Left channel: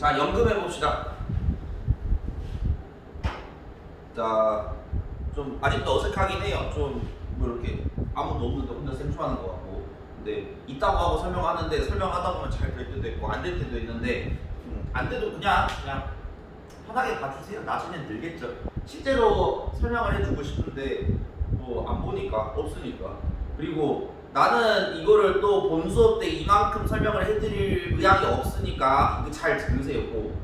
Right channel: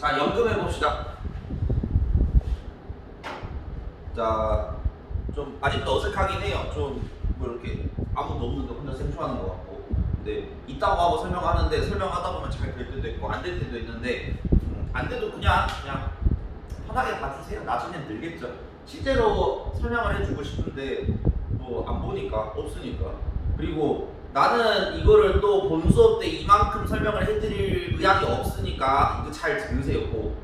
자 연금 해 봅시다. 자, 좀 아직도 어색하긴 해요. 좀 뭐 이렇게 아무도 없는데 혼자 생초하는 것 같고. 근데 있다고 하고 설명하는데 설명하다 보면 잘 될 때도 있고 안 될 때도 있는데 음, 안 돼도 그냥 그냥 편하게 봐주세요. 나중엔 늘겠죠. 실제로 설명을 해주고 싶은데 뭐 안 보니까 없으니까. 그리고 나는 이거를 또 본 수업 때 이만큼 설명을 해드릴 의향이 없으니까 이거 잘 들으세요. 꼭.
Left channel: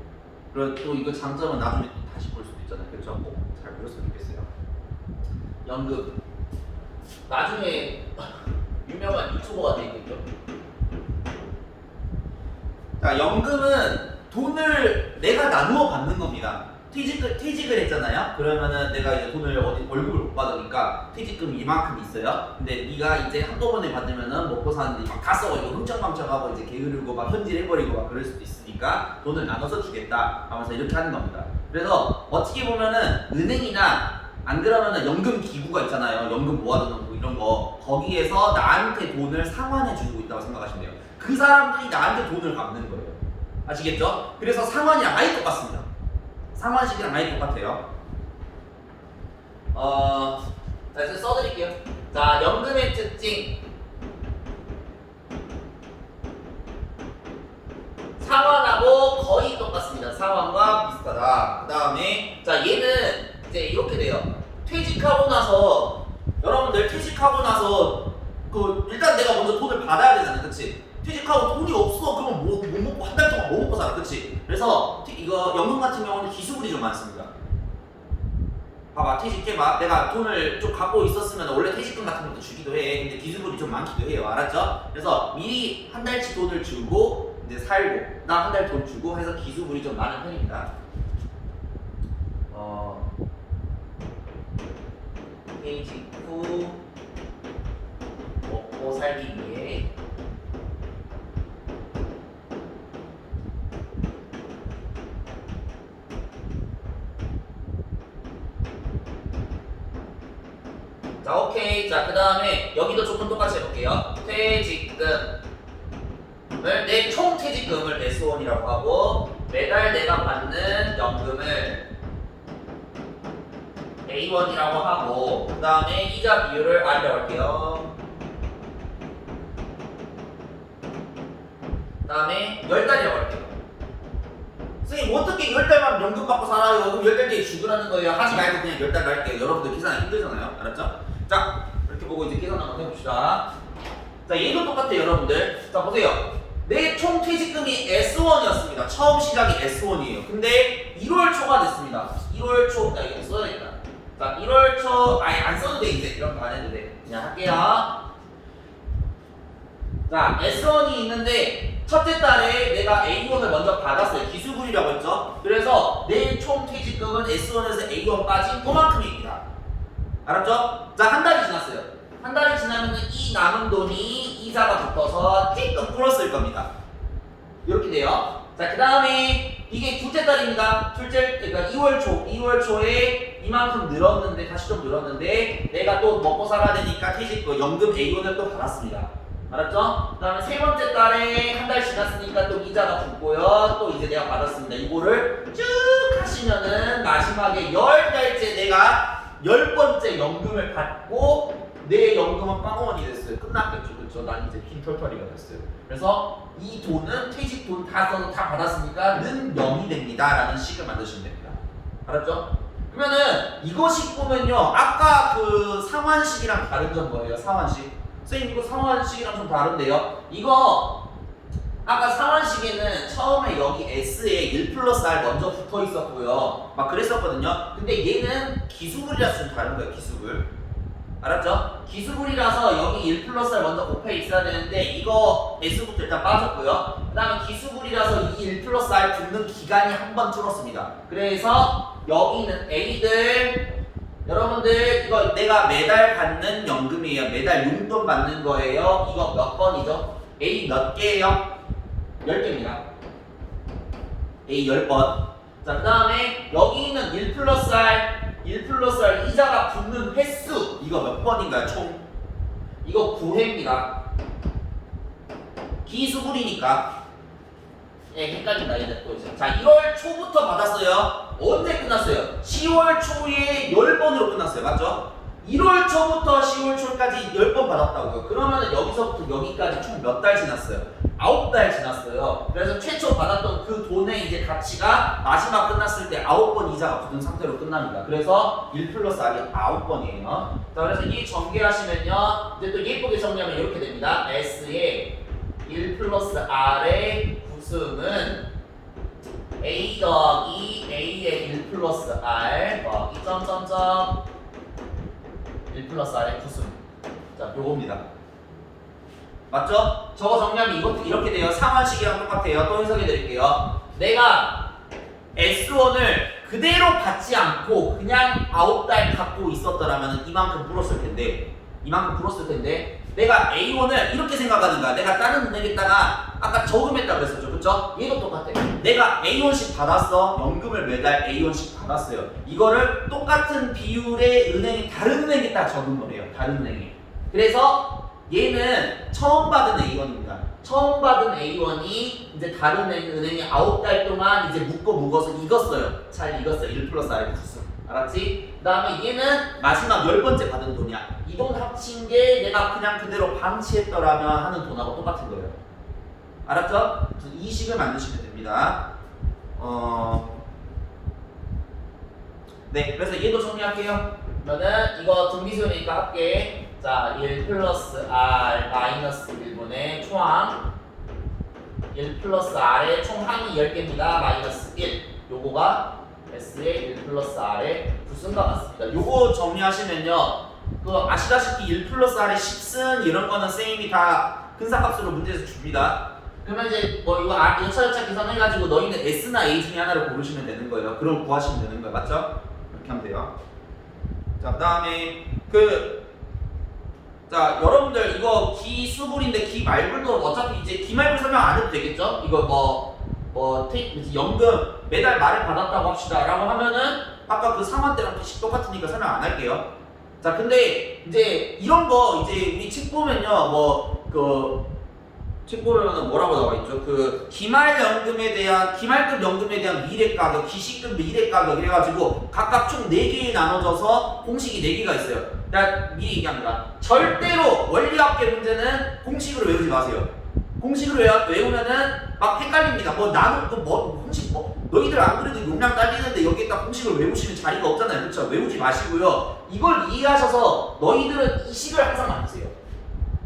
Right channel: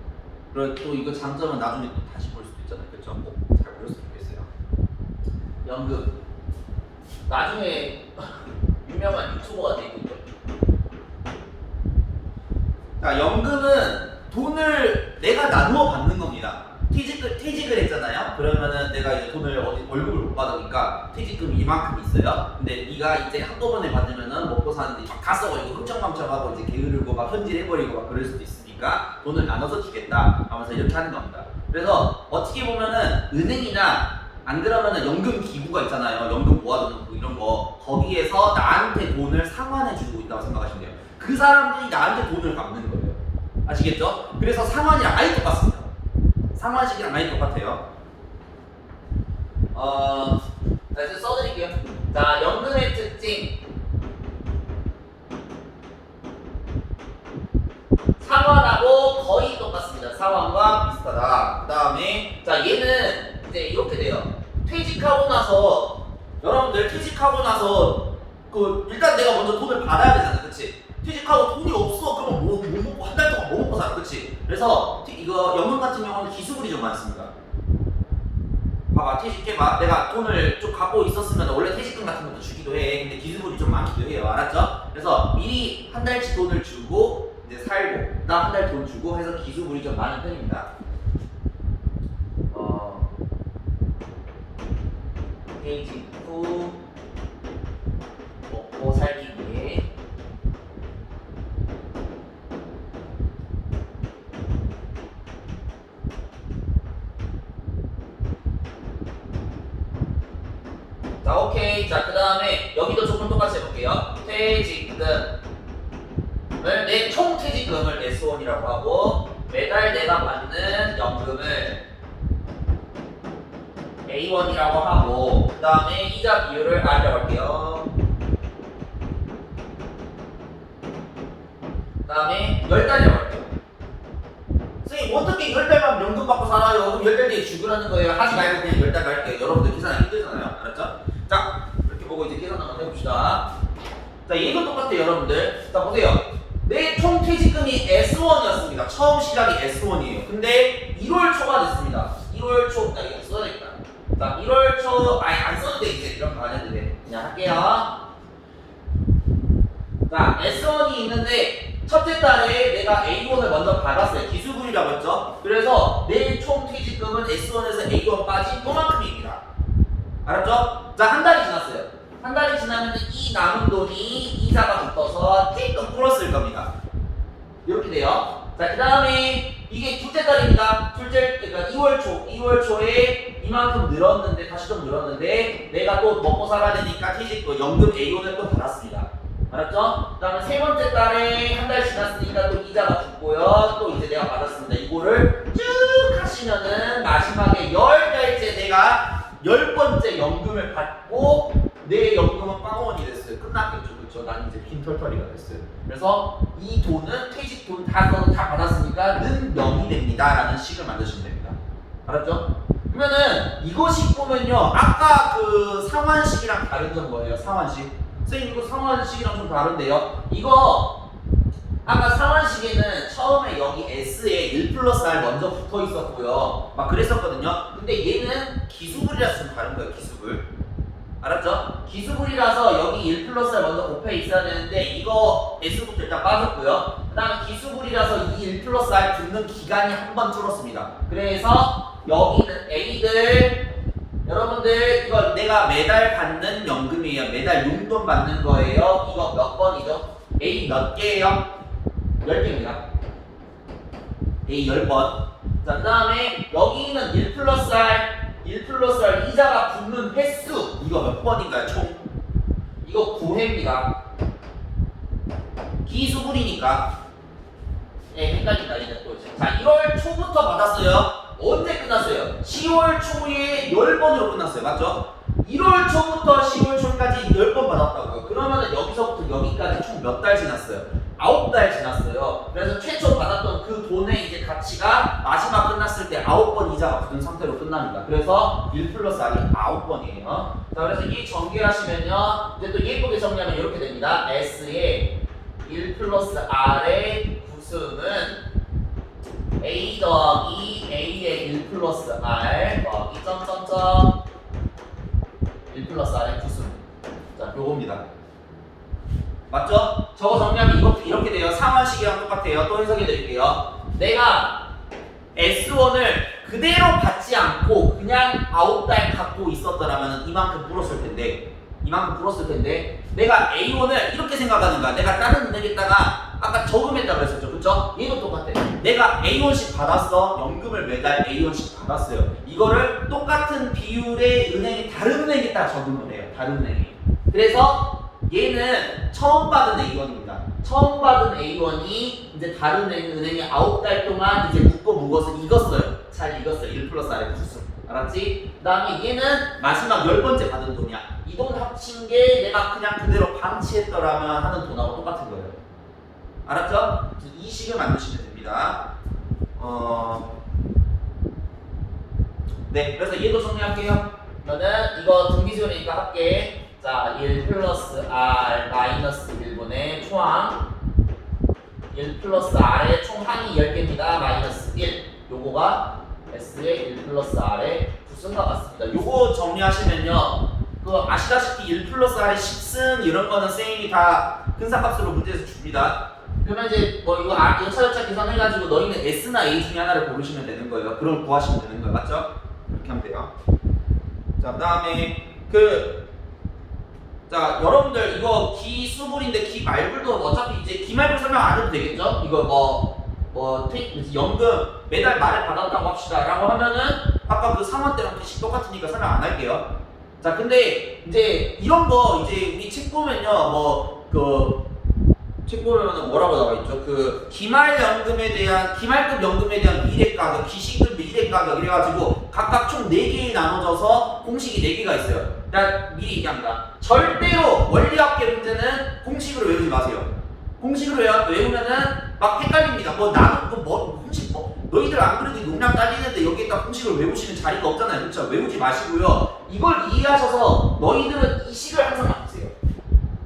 그리고 또 이거 장점은 나중에 또 다시 볼 수도 있잖아요. 그렇죠? 꼭잘 보셨으면 좋겠어요. 연금. 나중에 유명한 유튜버가 되겠죠. 자, 연금은 돈을 내가 나누어 받는 겁니다. 퇴직을, 퇴직을 했잖아요. 그러면은 내가 이제 돈을 어디 월급을 못 받으니까 퇴직금이 이만큼 있어요. 근데 네가 이제 한꺼번에 받으면은 먹고 사는데 막다 써버리고 흥청망청하고 이제 게으르고 막 현질해버리고 막 그럴 수도 있으니까 돈을 나눠서 주겠다 하면서 이렇게 하는 겁니다. 그래서 어떻게 보면은 은행이나 안 그러면은 연금 기구가 있잖아요. 연금 모아두는 거 이런 거 거기에서 나한테 돈을 상환해 주고 있다고 생각하시면 돼요. 그 사람들이 나한테 돈을 갚는 거예요. 아시겠죠? 그래서 상환이랑 아예 똑같습니다. 상환식이랑 아예 똑같아요. 어, 자 이제 써드릴게요. 자 연금의 특징. 상환하고 거의 똑같습니다. 상환과 비슷하다. 그 다음에 자 얘는 이제 이렇게 돼요. 퇴직하고 나서 여러분들 퇴직하고 나서 그 일단 내가 먼저 돈을 받아야 되잖아, 그렇지? 퇴직하고 돈이 없어 그러면 뭐, 못 먹고 한 달 동안 뭐 먹고 살아, 그렇지? 그래서 티- 이거 연금 같은 경우는 기수분이 좀 많습니다. 봐봐 퇴직해 봐 내가 돈을 좀 갖고 있었으면 원래 퇴직금 같은 것도 주기도 해 근데 기수분이 좀 많기도 해요 알았죠? 그래서 미리 한 달치 돈을 주고 이제 살고 그다음 한달 돈 주고 해서 기수분이 좀 많은 편입니다 어 퇴직 후 먹고 살기 위해 여기도 조금 똑같이 해볼게요. 퇴직금을 내 총 퇴직금을 S1이라고 하고 매달 내가 받는 연금을 A1이라고 하고 그 다음에 이자 비율을 할게요. 그 다음에 열 달이라고 할게요. 선생님 어떻게 열 달만 연금 받고 살아요? 그럼 열달 뒤에 죽으라는 거예요. 하지 말고 그냥 열달 갈게요. 여러분들 힘들잖아요. 알았죠? 자, 이렇게 보고 이제 계산 한번 해 봅시다. 자, 얘도 똑같아요, 여러분들. 자, 보세요. 내 총 퇴직금이 S1이었습니다. 처음 시작이 S1이에요. 근데 1월 초가 됐습니다. 1월 초, 자, 이거 써야겠다. 자, 1월 초, 아니, 안 써도 돼, 이제. 이런 거 안 해도 돼. 그냥 할게요. 자, S1이 있는데, 첫째 달에 내가 A1을 먼저 받았어요. 기수분이라고 했죠? 그래서 내 총 퇴직금은 S1에서 A1 빠진 그만큼입니다. 알았죠? 자, 한 달이 지났어요. 한 달이 지나면 이 남은 돈이 이자가 붙어서 띵동 플러스일 겁니다. 이렇게 돼요. 자, 그 다음에 이게 둘째 달입니다. 둘째, 그러니까 2월 초, 2월 초에 이만큼 늘었는데, 다시 좀 늘었는데, 내가 또 먹고 살아야 되니까 퇴직, 그 연금 A1을 또 받았습니다. 알았죠? 그 다음에 세 번째 달에 한 달 지났으니까 또 이자가 붙고요. 또 이제 내가 받았습니다. 이거를 쭉 하시면은 마지막에 열 달째 내가 열 번째 연금을 받고 내 연금은 빵원이 됐어요. 끝났겠죠, 그렇죠? 난 이제 빈털터리가 됐어요. 그래서 이 돈은 퇴직 돈 다 써서 다 받았으니까 는 0이 됩니다라는 식을 만드시면 됩니다. 알았죠? 그러면은 이거식 보면요, 아까 그 상환식이랑 다른 점 뭐예요? 상환식. 선생님 이거 상환식이랑 좀 다른데요. 이거 아까 상환식에는 처음에 여기 S에 1 플러스 R 먼저 붙어 있었고요. 막 그랬었거든요. 근데 얘는 기수불이라서 좀 다른 거예요, 기수불. 알았죠? 기수불이라서 여기 1 플러스 R 먼저 곱해 있어야 되는데 이거 S부터 일단 빠졌고요. 그 다음에 기수불이라서 이 1 플러스 R 붙는 기간이 한 번 줄었습니다. 그래서 여기는 A들 여러분들 이거 내가 매달 받는 연금이에요. 매달 용돈 받는 거예요. 이거 몇 번이죠? A 몇 개예요? 10개입니다. A 10번. 자, 그 다음에 여기는 1 플러스 R, 1 플러스 R 이자가 붙는 횟수. 이거 몇 번인가요, 총? 이거 9회입니다. 기수분이니까. 예, 헷갈린다 얘네 또 이제. 자 1월 초부터 받았어요. 언제 끝났어요? 10월 초에 10번으로 끝났어요. 맞죠? 1월 초부터 10월 초까지 10번 받았다고요. 그러면 여기서부터 여기까지 총 몇 달 지났어요? 9달 지났어요. 그래서 최초 받았던 그 돈의 이제 가치가 마지막 끝났을 때 9번 이자가 붙은 상태로 끝납니다. 그래서 1 플러스 R이 9번이에요. 자, 그래서 이 전개하시면요. 이제 또 예쁘게 정리하면 이렇게 됩니다. S의 1 플러스 R의 구승은 A 더하기 A의 1 플러스 R 더하기 점점점 1 플러스 R의 구승. 자, 요겁니다. 맞죠? 저거 정리하면 이것도 이렇게 돼요. 상환식이랑 똑같아요. 또 해석해 드릴게요. 내가 S1을 그대로 받지 않고 그냥 9달 갖고 있었더라면 이만큼 불었을 텐데 이만큼 불었을 텐데 내가 A1을 이렇게 생각하는 거야. 내가 다른 은행에다가 아까 저금했다 그랬었죠. 그쵸? 얘도 똑같아. 내가 A1씩 받았어. 연금을 매달 A1씩 받았어요. 이거를 똑같은 비율의 은행이 다른 은행에다 저금을 해요. 다른 은행에. 그래서 얘는 처음 받은 A1입니다. 처음 받은 A1이 이제 다른 은행- 은행에 9달 동안 이제 묶어 묶어서 익었어요. 잘 익었어요. 1 플러스 R의 구수. 알았지? 그 다음에 얘는 마지막 열 번째 받은 돈이야. 이 돈 합친 게 내가 그냥 그대로 방치했더라면 하는 돈하고 똑같은 거예요. 알았죠? 이 식을 만드시면 됩니다. 어... 네, 그래서 얘도 정리할게요. 그러면은 이거 등비수니까 할게. 자, 1 플러스 R 마이너스 1분의 총항 1 플러스 R의 총항이 10개입니다. 마이너스 1. 요거가 S의 1 플러스 R의 구승과 같습니다. 요거 정리하시면요. 그 아시다시피 1 플러스 R의 10승 이런 거는 쌤이 다 근사값으로 문제에서 줍니다. 그러면 이제 뭐 이거 아, 여차저차 계산해가지고 너희는 S나 A 중에 하나를 고르시면 되는 거예요. 그럼 구하시면 되는 거예요. 맞죠? 이렇게 하면 돼요. 자, 그 다음에 그 자, 여러분들 이거 기수불인데 기말불도 어차피 이제 기말불 설명 안 해도 되겠죠? 이거 뭐, 뭐, 테, 이제 연금 매달 말에 받았다고 합시다. 라고 하면은 아까 그 상환 때랑 대식 똑같으니까 설명 안 할게요. 자, 근데 이제 이런 거 이제 우리 책 보면요. 뭐, 그, 책 보면은 뭐라고 나와 있죠? 그 기말 연금에 대한 기말급 연금에 대한 미래 가격, 기시급 미래 가격 이래 가지고 각각 총 4개에 나눠져서 공식이 4개가 있어요. 나 미리 얘기합니다. 절대로 원리학계 문제는 공식으로 외우지 마세요. 공식으로 외우, 외우면은 막 헷갈립니다. 뭐 나는 그뭐 공식 뭐 너희들 안 그래도 용량 딸리는데 여기에다 공식을 외우시는 자리가 없잖아요. 그렇죠? 외우지 마시고요. 이걸 이해하셔서 너희들은 이 식을 항상 맞으세요.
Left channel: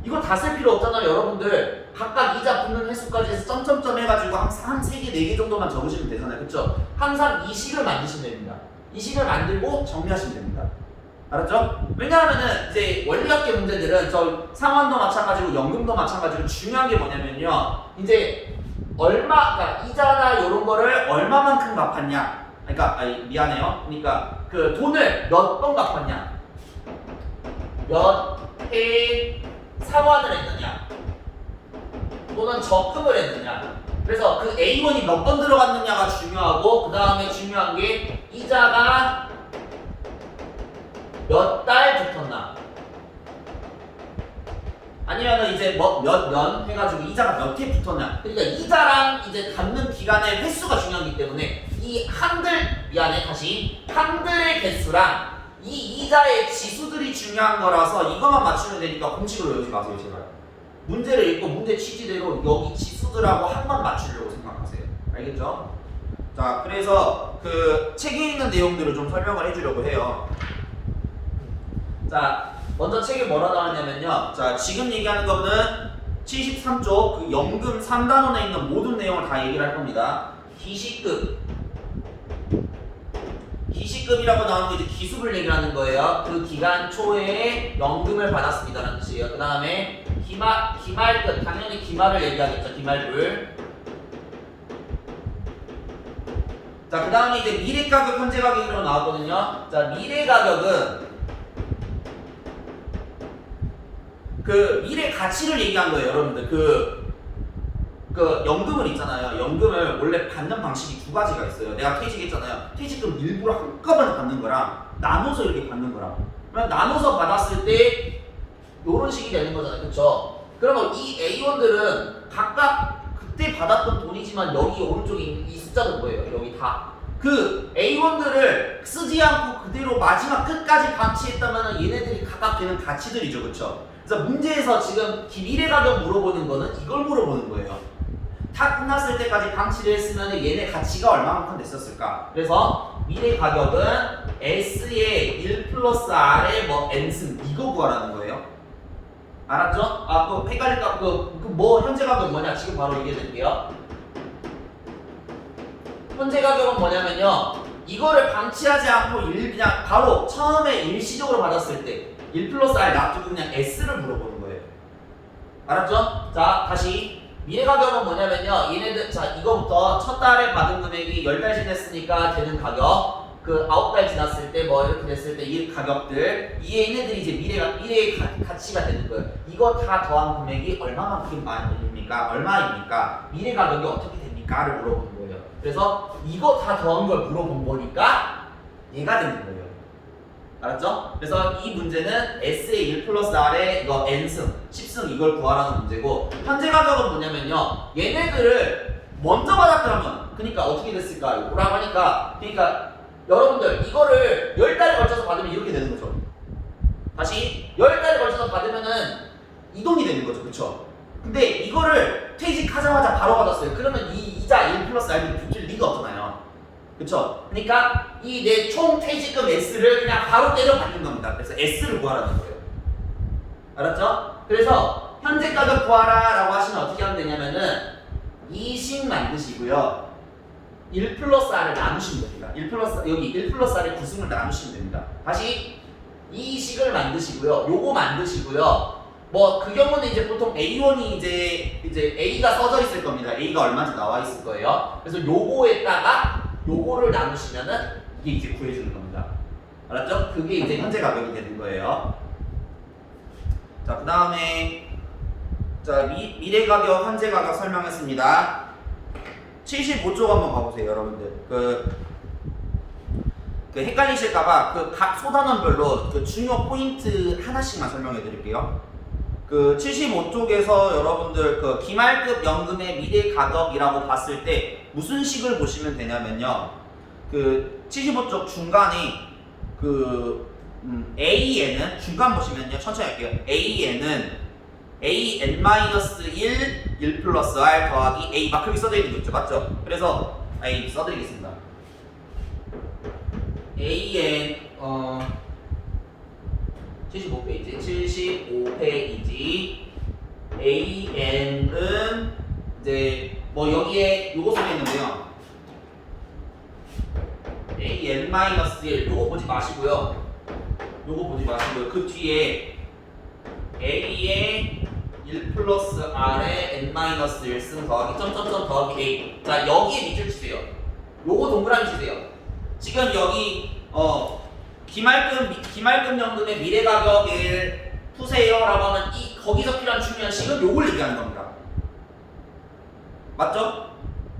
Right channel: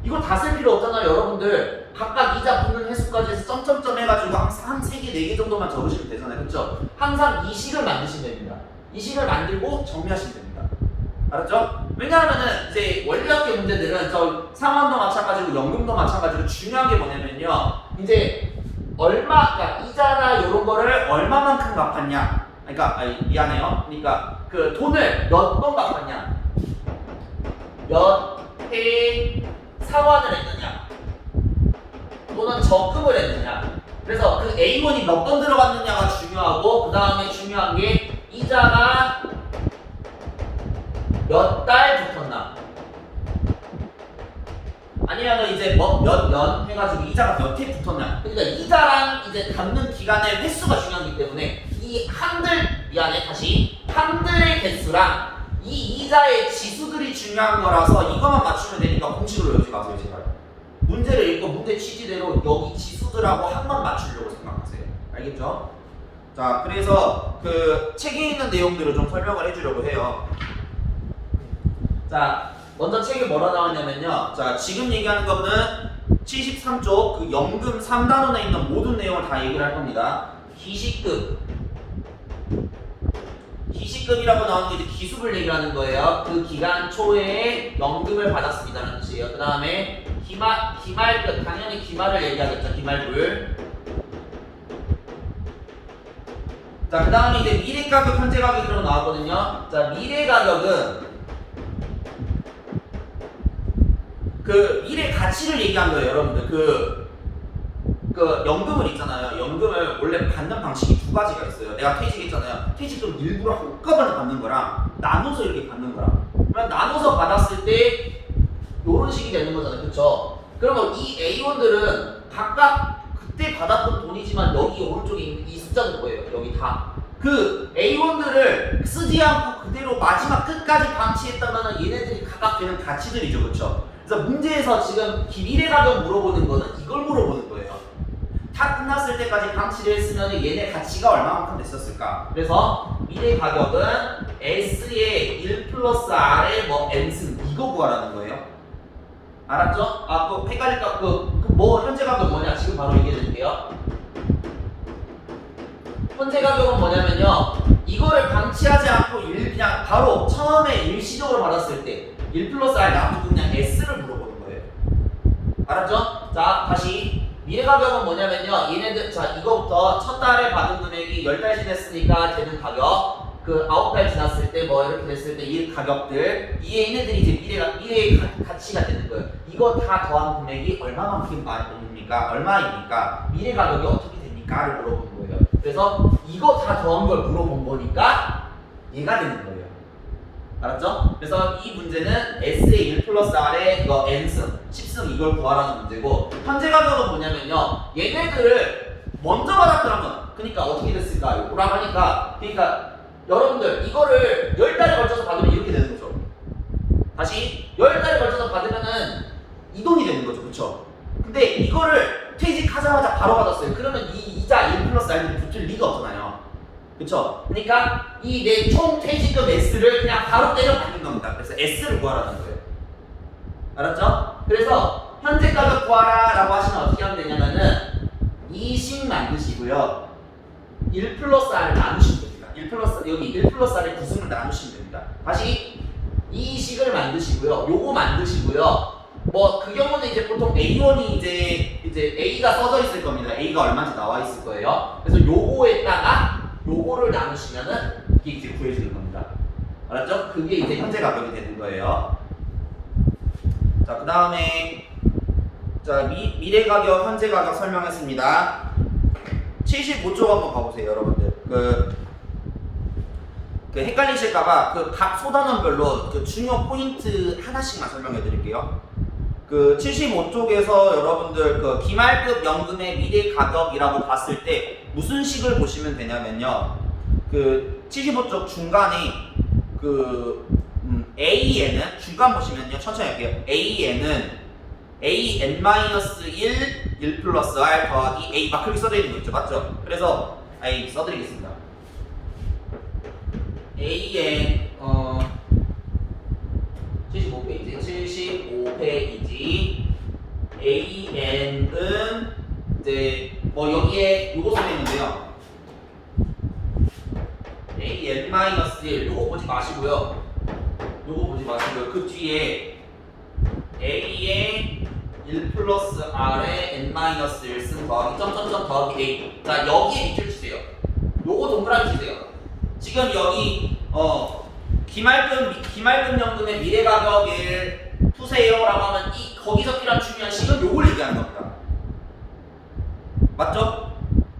이거 다 쓸 필요 없잖아요, 여러분들. 각각 이자 붙는 횟수까지 해서 점점점 해가지고 항상 한 3개, 4개 정도만 적으시면 되잖아요. 그쵸? 항상 이 식을 만드시면 됩니다. 이 식을 만들고 정리하시면 됩니다. 알았죠? 왜냐하면은 이제 원리학계 문제들은 저 상환도 마찬가지고 연금도 마찬가지고 중요한 게 뭐냐면요. 이제 얼마, 그러니까 이자나 이런 거를 얼마만큼 갚았냐. 그러니까 아니, 미안해요. 그러니까 그 돈을 몇 번 갚았냐. 몇 회 상환을 했느냐. 또는 적금을 했느냐. 그래서 그 A1이 몇 번 들어갔느냐가 중요하고 그 다음에 중요한 게 이자가 몇 달 붙었나. 아니면은 이제 뭐몇년 해가지고 이자가 몇 회 붙었냐. 그러니까 이자랑 이제 갚는 기간의 횟수가 중요하기 때문에 이 한들 미안해 다시 한들의 개수랑 이 이자의 지수들이 중요한 거라서 이것만 맞추면 되니까 공식으로 외우지 마세요 제발. 문제를 읽고 문제 취지대로 여기 지수들하고 한 번 맞추려고 생각하세요. 알겠죠? 자, 그래서 그 책에 있는 내용들을 좀 설명을 해주려고 해요. 자, 먼저 책에 뭐라 나왔냐면요. 자, 지금 얘기하는 거는 73쪽 그 연금 3단원에 있는 모든 내용을 다 얘기를 할 겁니다. 기시급. 기시급이라고 나오는 게 이제 기수를 얘기하는 거예요. 그 기간 초에 연금을 받았습니다라는 뜻이에요. 그 다음에 기말, 기말급, 당연히 기말을 얘기하겠죠. 기말불. 자, 그 다음에 이제 미래 가격, 현재 가격이라고 나왔거든요. 자, 미래 가격은 그 미래 가치를 얘기한 거예요, 여러분들. 그, 그 연금을 있잖아요. 연금을 원래 받는 방식이 두 가지가 있어요. 내가 퇴직했잖아요. 퇴직금 일부러 한꺼번에 받는 거랑 나눠서 이렇게 받는 거랑. 그러면 나눠서 받았을 때 요런 식이 되는 거잖아요. 그쵸? 그러면 이 A1들은 각각 그때 받았던 돈이지만 여기 오른쪽에 있는 이 숫자는 뭐예요? 여기 다. 그 A1들을 쓰지 않고 그대로 마지막 끝까지 방치했다면 얘네들이 각각 되는 가치들이죠, 그렇죠? 그래서 문제에서 지금 미래 가격 물어보는 거는 이걸 물어보는 거예요. 다 끝났을 때까지 방치를 했으면 얘네 가치가 얼마만큼 됐었을까? 그래서 미래 가격은 S의 1 플러스 R의 뭐 N승 이거 구하라는 거예요. 알았죠? 아, 그 헷갈릴까? 그, 그 뭐 현재 가격 뭐냐? 지금 바로 얘기해 드릴게요. 현재 가격은 뭐냐면요. 이거를 방치하지 않고 일 그냥 바로 처음에 일시적으로 받았을 때 1 플러스 R 놔두고 그냥 S를 물어보는 거예요. 알았죠? 자, 다시 미래 가격은 뭐냐면요. 얘네들 자, 이거부터 첫 달에 받은 금액이 10달 지났으니까 되는 가격. 그 아홉 달 지났을 때 뭐 이렇게 됐을 때 이 가격들 이 얘네들이 이제 미래가 미래의 가, 가치가 되는 거예요. 이거 다 더한 금액이 얼마만큼입니까? 얼마입니까? 미래 가격이 어떻게 됩니까?를 물어보는 거예요. 그래서 이거 다 더한 걸 물어본 거니까 얘가 되는 거예요. 알았죠? 그래서 이 문제는 S의 1 플러스 R의 이거 N승, 10승 이걸 구하라는 문제고 현재 가격은 뭐냐면요. 얘네들을 먼저 받았더라면 그러니까 어떻게 됐을까요? 라고 하니까 그러니까 여러분들 이거를 10달에 걸쳐서 받으면 이렇게 되는 거죠. 다시 10달에 걸쳐서 받으면은 이 돈이 되는 거죠. 그쵸? 근데 이거를 퇴직하자마자 바로 받았어요. 그러면 이 이자 1 플러스 R이 붙을 리가 없잖아요. 그쵸? 그러니까 이 내 총 퇴직금 S를 그냥 바로 때려 받는 겁니다. 그래서 S를 구하라는 거예요. 알았죠? 그래서 현재 가격 구하라 라고 하시면 어떻게 하면 되냐면은 이식 만드시고요. 1 플러스 R을 나누시면 됩니다. 1 플러스 여기 1 플러스 R의 구승을 나누시면 됩니다. 다시 이 식을 만드시고요. 요거 만드시고요. 뭐 그 경우는 이제 보통 A1이 이제 이제 A가 써져 있을 겁니다. A가 얼마인지 나와 있을 거예요. 그래서 요거에다가 요거를 나누시면은 이게 이제 구해주는 겁니다. 알았죠? 그게 이제 현재 가격이 되는 거예요. 자, 그 다음에 자 미, 미래 가격, 현재 가격 설명했습니다. 75쪽 한번 봐보세요, 여러분들. 그, 그 헷갈리실까봐 그 각 소단원별로 그 중요 포인트 하나씩만 설명해 드릴게요. 그 75쪽에서 여러분들 그 기말급 연금의 미래 가격이라고 봤을 때 무슨 식을 보시면 되냐면요. 그 75쪽 중간에 그 음, AN은 중간 보시면요. 천천히 할게요. AN은 AN-1 1 플러스 R 더하기 A 막 그렇게 써져 있는 거 있죠. 맞죠? 그래서 A 써드리겠습니다. AN 어 75페이지 75페이지 AN은 이제 뭐 여기에 요거 써져 있는데요. AN-1 요거 보지 마시고요. 요거 보지 마시고요. 그 뒤에 A의 1 플러스 R의 N-1승 더하기 점점점 더하기 A 자 여기에 밑줄 치세요. 요거 동그라미 치세요. 지금 여기 어 기말금 미- 기말금 연금의 미래 가격을 푸세요라고 하면 이 거기서 필요한 중요한 식은 요걸 얘기하는 겁니다. 맞죠?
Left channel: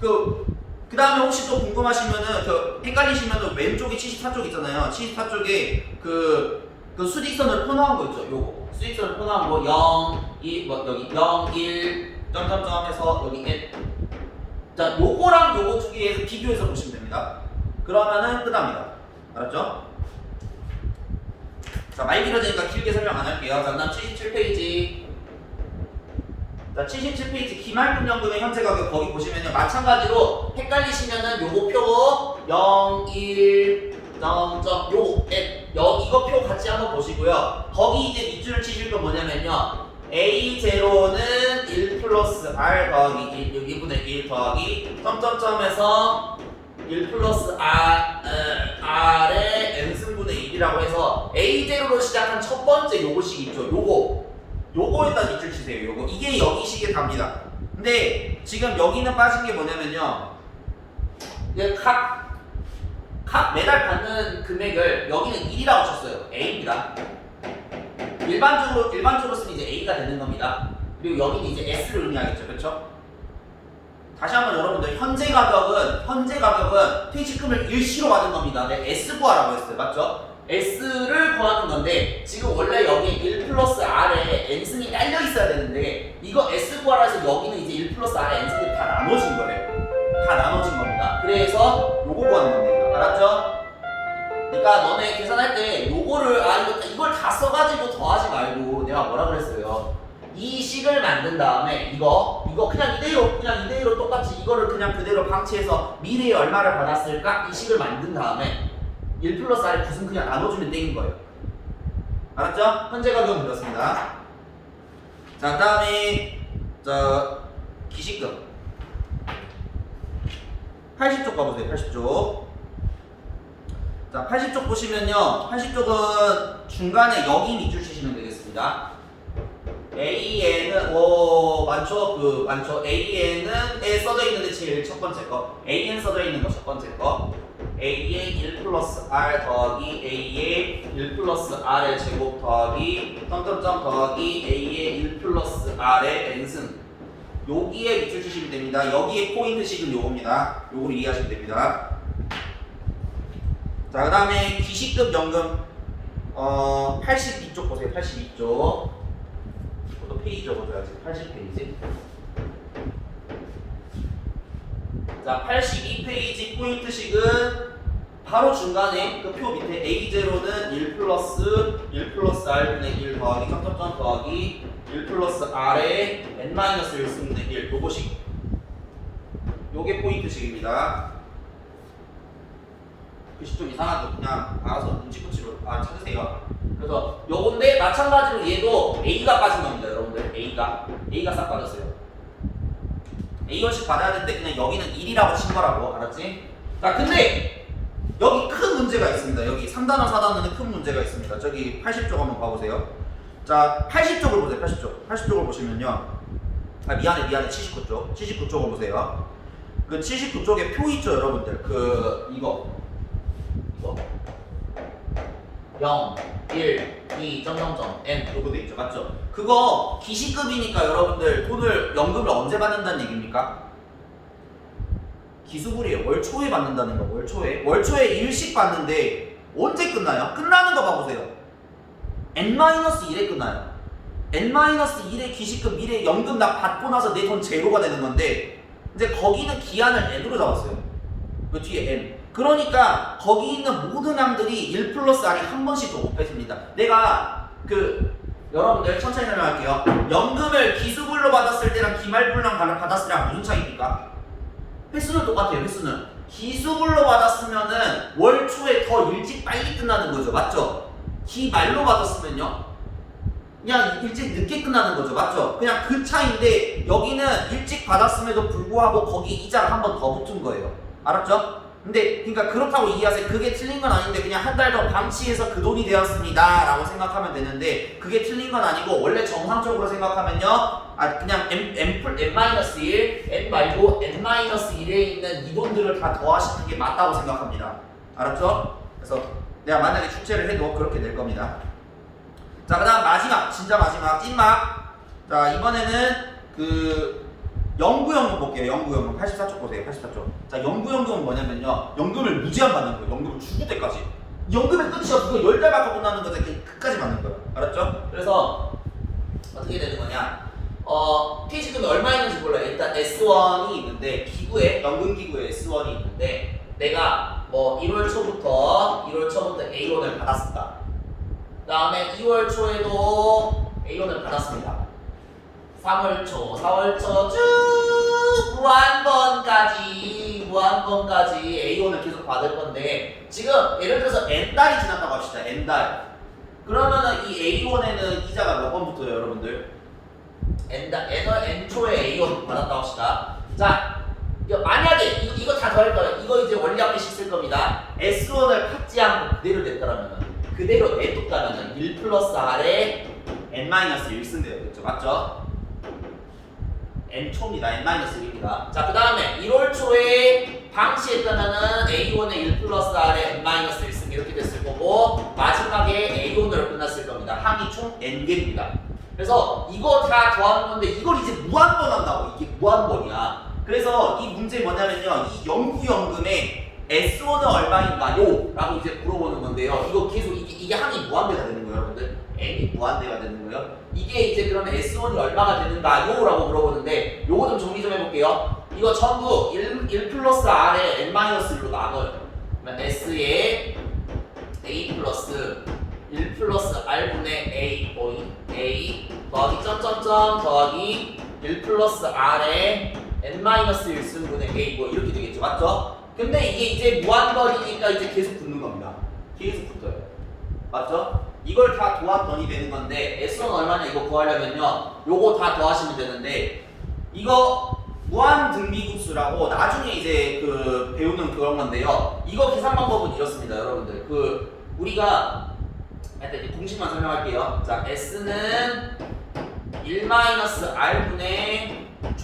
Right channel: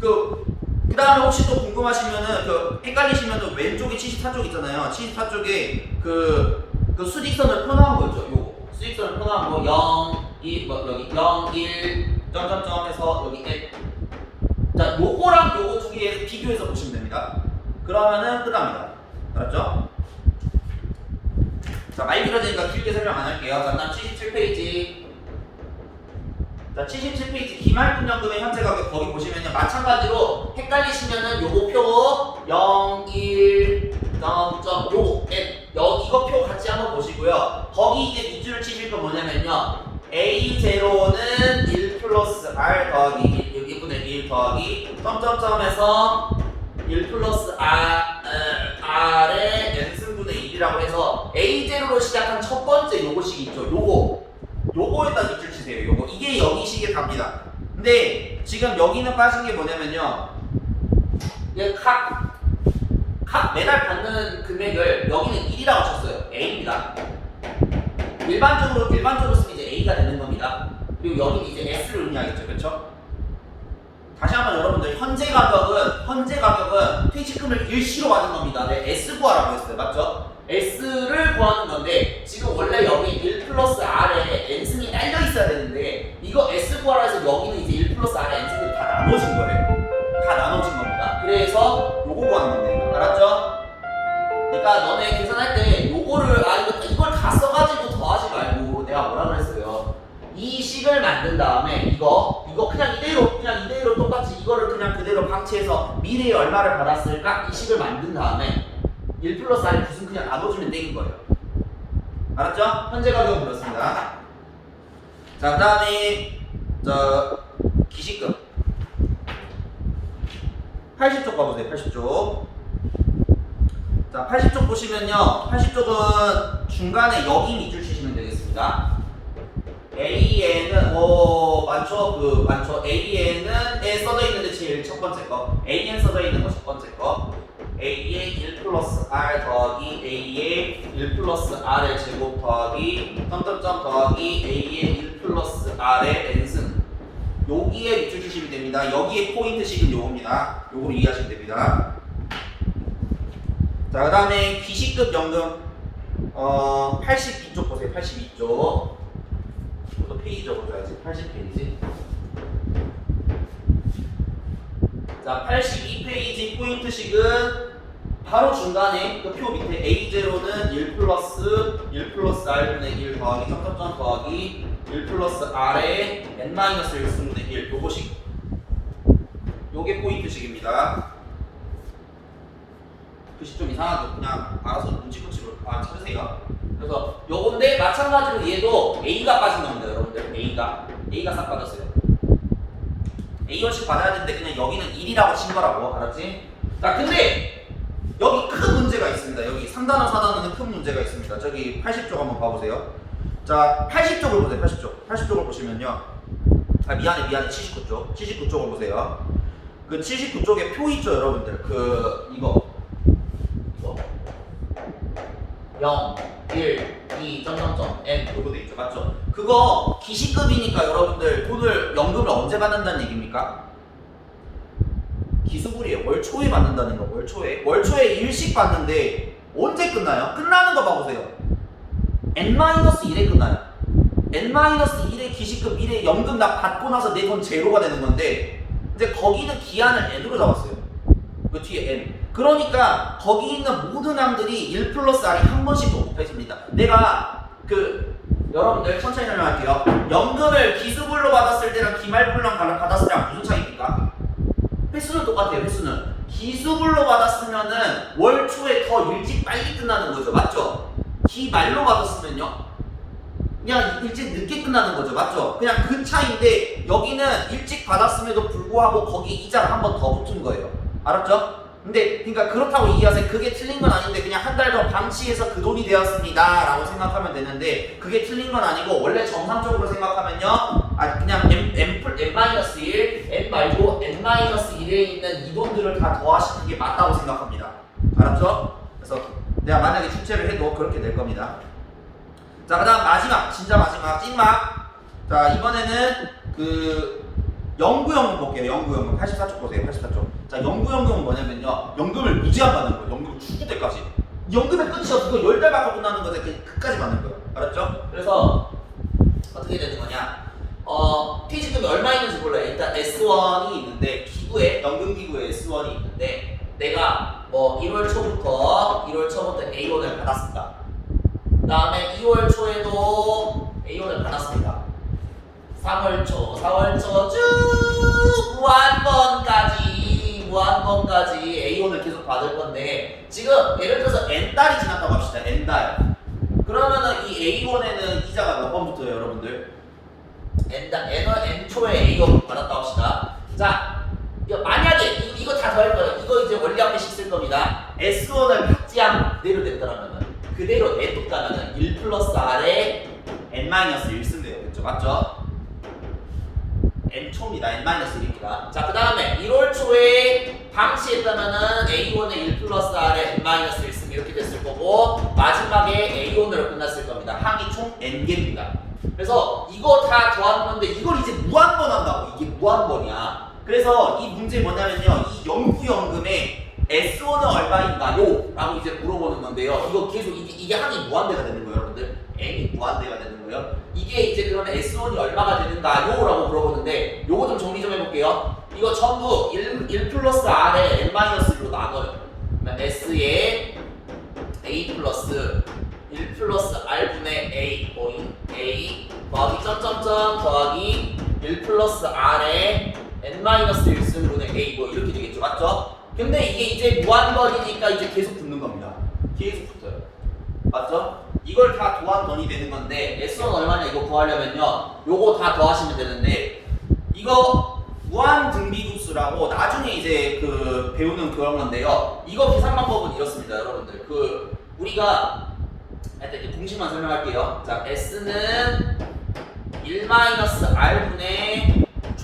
그 그다음에 혹시 또 궁금하시면은 그 헷갈리시면은 왼쪽에 74쪽 있잖아요. 74쪽에 그, 그 수직선을 표놓은 거 있죠. 요거 수직선을 표놓은 거 0, 1, 뭐 여기 0, 1 점점점 해서 여기 1. 자, 요거랑 요거 두 개 비교해서 보시면 됩니다. 그러면은 끝납니다. 알았죠? 자, 말 길어지니까 길게 설명 안 할게요. 자, 그다음 77페이지. 자, 77페이지 기말금연금의 현재 가격 거기 보시면요. 마찬가지로 헷갈리시면은 요거 표 0, 1, 점, 점, 요, 에, 여, 이거 표 같이 한번 보시고요. 거기 이제 밑줄을 치실 건 뭐냐면요. A0는 1 플러스 R 더하기 1, 여기 1분의 1 더하기 점점점에서 1 플러스 R, 어, R의 n승분의 1이라고 해서 A0로 시작한 첫 번째 요거식 있죠. 요거 요거에다 밑줄 치세요. 요거 이게 여기 식에 답니다. 근데 지금 여기는 빠진 게 뭐냐면요. 이게 각, 각 매달 받는 금액을 여기는 1이라고 쳤어요. A입니다. 일반적으로 일반적으로 쓰면 이제 A가 되는 겁니다. 그리고 여기는 이제 S를 의미하겠죠, 그렇죠? 다시 한번 여러분들 현재 가격은 현재 가격은 퇴직금을 일시로 받은 겁니다. 네, S 구하라고 했어요, 맞죠? S를 구하는 건데 지금 원래 여기 1 플러스 R에 N승이 딸려 있어야 되는데 이거 S 구하라 해서 여기는 이제 1 플러스 R에 N승들이 다 나눠진 거래요. 다 나눠진 겁니다. 그래서 요거 구하는 건데 알았죠? 그러니까 너네 계산할 때 요거를 아 이거 이걸 다 써가지고 더하지 말고 내가 뭐라 그랬어요? 이 식을 만든 다음에 이거 이거 그냥 이대로 그냥 이대로 똑같이 이거를 그냥 그대로 방치해서 미래에 얼마를 받았을까 이 식을 만든 다음에 1 플러스 R의 붓은 그냥 나눠주면 되는 거예요. 알았죠? 현재 가격은 그렇습니다. 자 그 다음에 저 기식금 80쪽 봐보세요. 80쪽. 자, 80쪽 보시면요. 80쪽은 중간에 여기 밑줄 치시면 되겠습니다. AN은 오 많죠? 그 많죠? AN은 에 써져 있는데 제일 첫 번째 거. AN 써져 있는 거 첫 번째 거. A의 1 플러스 R 더하기 A의 1 플러스 R의 제곱 더하기 점점점 더하기 A의 1 플러스 R의 N승 여기에 밑줄 치시면 됩니다. 여기에 포인트식은 요겁니다. 요거를 이해하시면 됩니다. 자, 그 다음에 기시급 연금 어 82쪽 보세요. 82쪽. 또 페이지 적어줘야지. 80페이지. 자, 82페이지 포인트식은 바로 중간에 그 표 밑에 A0는 1 플러스 1 플러스 R분의 1 더하기 점점점 더하기 1 플러스 R에 N-1 쓰는데 1 요거식 요게 포인트식입니다 글씨 좀 이상하죠 그냥 알아서 눈치코치로 아, 찾으세요 그래서 요건데 마찬가지로 얘도 A가 빠진 겁니다 여러분들 A가 A가 싹 빠졌어요 A1씩 받아야 되는데 그냥 여기는 1이라고 친 거라고 알았지? 자 근데 여기 큰 문제가 있습니다. 여기 3단원, 4단원에 큰 문제가 있습니다. 저기 80쪽 한번 봐보세요. 자, 80쪽을 보세요. 80쪽. 80쪽을 보시면요. 아, 미안해, 미안해. 79쪽. 79쪽을 보세요. 그 79쪽에 표 있죠, 여러분들. 그. 이거. 0, 1, 2, 점점점, n. 요거 돼 있죠. 맞죠? 그거 기시급이니까 여러분들 돈을, 연금을 언제 받는다는 얘기입니까? 기수불이에요. 월 초에 받는다는 거. 월 초에. 월 초에 일식 받는데 언제 끝나요? 끝나는 거 봐보세요. n-1에 끝나요. n-1의 기식금 미래 연금 나 받고 나서 내 돈 제로가 되는 건데 이제 거기는 기한을 n으로 잡았어요. 그 뒤에 n. 그러니까 거기 있는 모든 항들이 1 플러스 r이 한 번씩 더 곱해집니다. 내가 그 여러분들 천천히 설명할게요. 연금을 기수불로 받았을 때랑 기말불로 받았을 때랑 무슨 차이입니까? 횟수는 똑같아요. 횟수는 기수불로 받았으면은 월 초에 더 일찍 빨리 끝나는 거죠. 맞죠? 기말로 받았으면요. 그냥 일찍 늦게 끝나는 거죠. 맞죠? 그냥 그 차이인데 여기는 일찍 받았음에도 불구하고 거기 이자가 한번 더 붙은 거예요. 알았죠? 근데 그러니까 그렇다고 이해하세요. 그게 틀린 건 아닌데 그냥 한 달 더 방치해서 그 돈이 되었습니다 라고 생각하면 되는데 그게 틀린 건 아니고 원래 정상적으로 생각하면요. 아 그냥 m m 플 n 마이너스 1, n 말고 n 마이너스 1에 있는 이 돈들을 다 더하시는 게 맞다고 생각합니다. 알았죠? 그래서 내가 만약에 출제를 해도 그렇게 될 겁니다. 자, 그 다음 마지막, 진짜 마지막 찐막. 자, 이번에는 그 연구연금 볼게요. 연구연금 84쪽 보세요. 84쪽. 자, 연구연금은 뭐냐면요. 연금을 무제한 받는 거예요. 연금을 죽을 때까지. 연금의 끝이 없고 열달 받고 끝나는. 그 끝까지 받는 거예요. 알았죠? 그래서 어떻게 되는 거냐? 어, 퇴직금이 얼마 있는지 몰라요. 일단 S1이 있는데 기구에 연금 기구에 S1이 있는데 내가 뭐 1월 초부터 1월 초부터 A1을 받았습니다. 그다음에 2월 초에도 A1을 받았습니다. 3월 초, 4월 초 쭉 무한번까지 무한번까지 A1을 계속 받을 건데 지금 예를 들어서 n 달이 지났다고 합시다. n 달. 그러면은 이 A1에는 이자가 몇번 붙어요, 여러분들? n 달 n n 초에 A1 받았다고 합시다. 자, 만약에 이거, 이거 다 더할 거예요. 이거 이제 원리 한 번씩 쓸 겁니다. S1을 받지 않고 그대로 됐더라면은 그대로 내쫓가면은 1 플러스 R에 n-1 쓴대요. 그렇죠? 맞죠? N 초입니다. n-1입니다. 자, 그 다음에 1월 초에 방치했다면은 A1에 1 플러스 R에 n-1 쓰면 이렇게 됐을 거고 마지막에 A1으로 끝났을 겁니다. 항이 총 n개입니다. 그래서 이거 다 더하는 건데 이걸 이제 무한번 한다고 이게 무한번이야. 그래서 이 문제 뭐냐면요. 이 연구연금에 S1은 얼마인가요? 라고 이제 물어보는 건데요. 이거 계속 이게, 이게 항이 무한대가 되는 거예요, 여러분들. n이 무한대가 되는 거예요. 이게 이제 그러면 S1이 얼마가 되는가요? 라고 물어보는데 요거 좀 정리 좀 해볼게요. 이거 전부 1, 1 플러스 R에 n-1로 나눠요. 그러면 S에 A 플러스 1 플러스 R분의 A 오인 A 더하기 점점점 더하기 1 플러스 R에 n-1승분의 A 뭐 이렇게 되겠죠 맞죠? 근데 이게 이제 무한번이니까 이제 계속 붙는 겁니다. 계속 붙어요. 맞죠? 이걸 다 도합번이 되는 건데 S1 얼마냐? 이거 구하려면요. 요거 다 더하시면 되는데 이거 무한 등비급수라고 나중에 이제 그 배우는 그런 건데요. 이거 계산 방법은 이렇습니다 여러분들. 그 우리가 하여튼 이제 공식만 설명할게요. 자 S는 1-R분의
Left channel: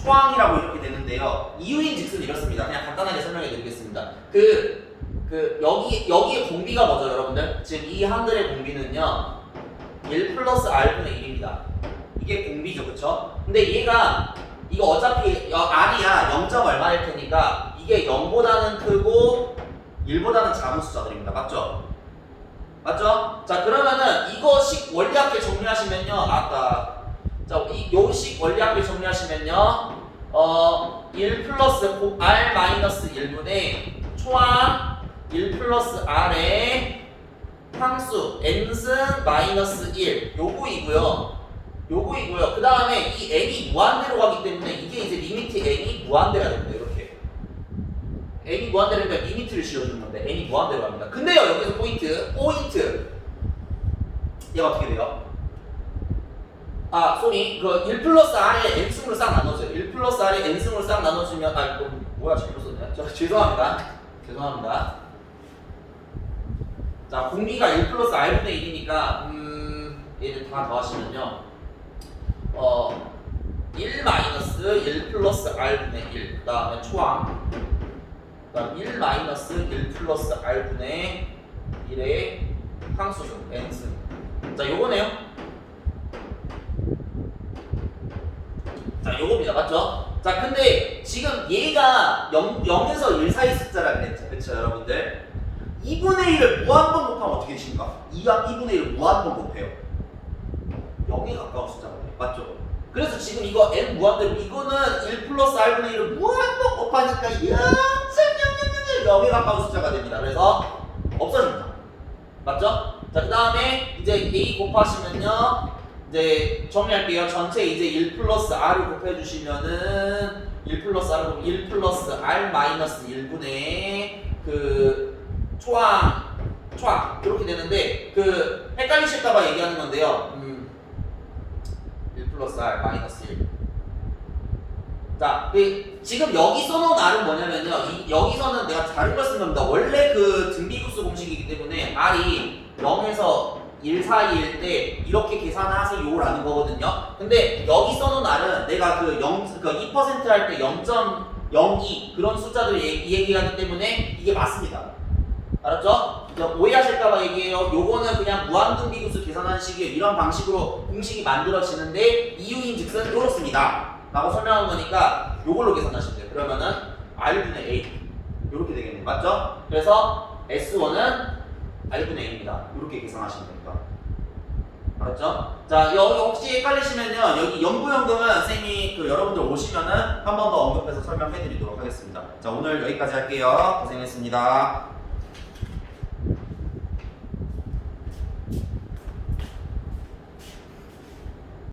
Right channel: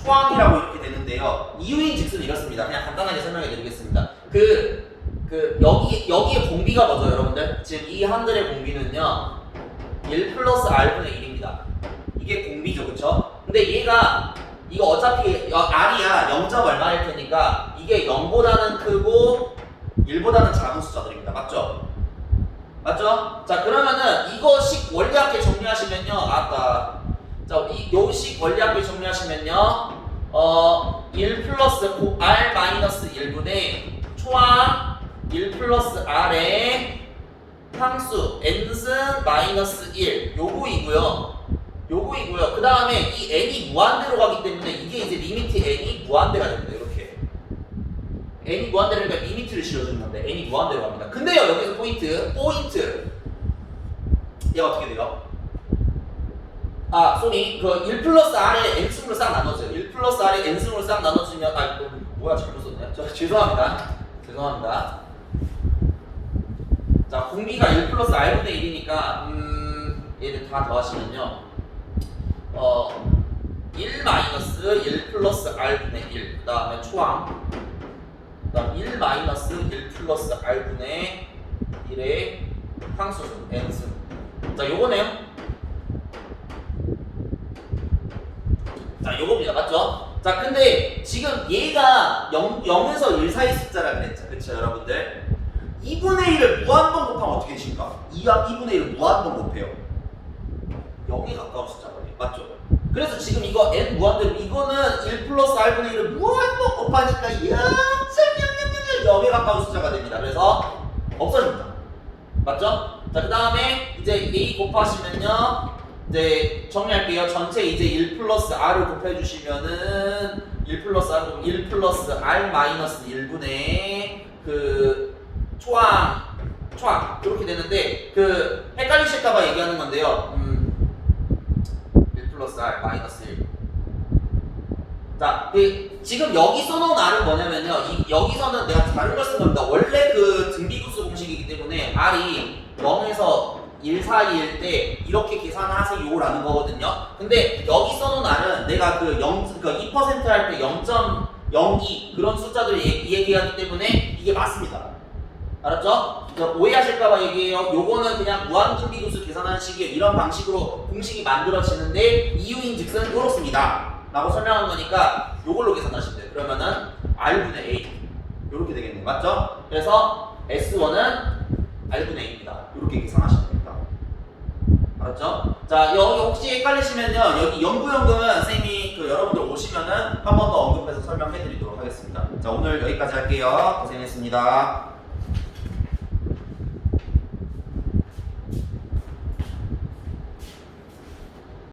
초항이라고 이렇게 되는데요. 이유인 즉슨 이렇습니다. 그냥 간단하게 설명해 드리겠습니다. 그, 그, 여기, 여기에 공비가 뭐죠, 여러분들? 지금 이 한글의 공비는요, 1 플러스 R분의 1입니다. 이게 공비죠, 그쵸? 근데 얘가, 이거 어차피 여- R이야 0점 얼마일 테니까, 이게 0보다는 크고, 1보다는 작은 숫자들입니다. 맞죠? 맞죠? 자, 그러면은 이거식 원리학계 정리하시면요, 아까 자, 이 요식 원리학을 정리하시면요. 어, 1 플러스 고- r 마이너스 1분의 초항 1 플러스 r의 항수 n승 마이너스 1 요거이고요. 요거이고요. 그 다음에 이 n이 무한대로 가기 때문에 이게 이제 리미트 n이 무한대가 됩니다. 이렇게 n이 무한대로니까 리미트를 씌워주는 건데 n이 무한대로 갑니다. 근데요 여기서 포인트 포인트 얘가 어떻게 돼요? 아, 쏘리. 그1 플러스 R에 N승으로 싹 나눠져요. 1 플러스 R에 N승으로 싹 나눠지면, 아, 이거 뭐야, 잘못 썼네. 저, 죄송합니다. 죄송합니다. 자, 공비가 1 플러스 R분의 1이니까, 음, 얘를 다 더하시면요. 어, 1 마이너스 1 플러스 R분의 1. 그 다음에 초항. 그 다음 1 마이너스 1 플러스 R분의 1의 항수승, N승. 자, 요거네요. 자, 요겁니다. 맞죠? 자, 근데 지금 얘가 0, 0에서 1 사이 숫자라 그랬죠. 그쵸, 여러분들? 2분의 1을 무한번 곱하면 어떻게 되십니까? 2와 2분의 1을 무한번 곱해요. 0에 가까운 숫자거든요. 맞죠? 그래서 지금 이거 n 무한대로 이거는 1 플러스 r분의 1을 무한번 곱하니까 0,000 0에 가까운 숫자가 됩니다. 그래서 없어집니다. 맞죠? 자, 그 다음에 이제 a 곱하시면요. 이제 정리할게요. 전체 이제 1 플러스 r을 곱해주시면은 1 플러스 r 곱 1 플러스 r 마이너스 1분의 그 초항 초항 이렇게 되는데 그 헷갈리실까봐 얘기하는 건데요. 음, 1 플러스 r 마이너스 1. 자, 그 지금 여기 써놓은 r은 뭐냐면요. 이, 여기서는 내가 다른 걸 쓴 겁니다. 원래 그 등비급수 공식이기 때문에 r이 0에서 1 사이일 때 이렇게 계산하세요라는 거거든요. 근데 여기 써놓은 r은 내가 그 0, 그 2%할 때 0.02 그런 숫자들을 얘기, 얘기 하기 때문에 이게 맞습니다. 알았죠? 저 오해하실까봐 얘기해요. 요거는 그냥 무한등비급수 계산하는 식의 이런 방식으로 공식이 만들어지는데 이유인 즉슨 이렇습니다. 라고 설명한 거니까 요걸로 계산하시면 돼요. 그러면은 r분의 a 이렇게 되겠네요. 맞죠? 그래서 s1은 r분의 a입니다. 이렇게 계산하시면 됩니 다. 알았죠? 자, 여기 혹시 헷갈리시면요. 여기 연구연금은 선생님이 그 여러분들 오시면은 한 번 더 언급해서 설명해 드리도록 하겠습니다. 자, 오늘 여기까지 할게요. 고생했습니다.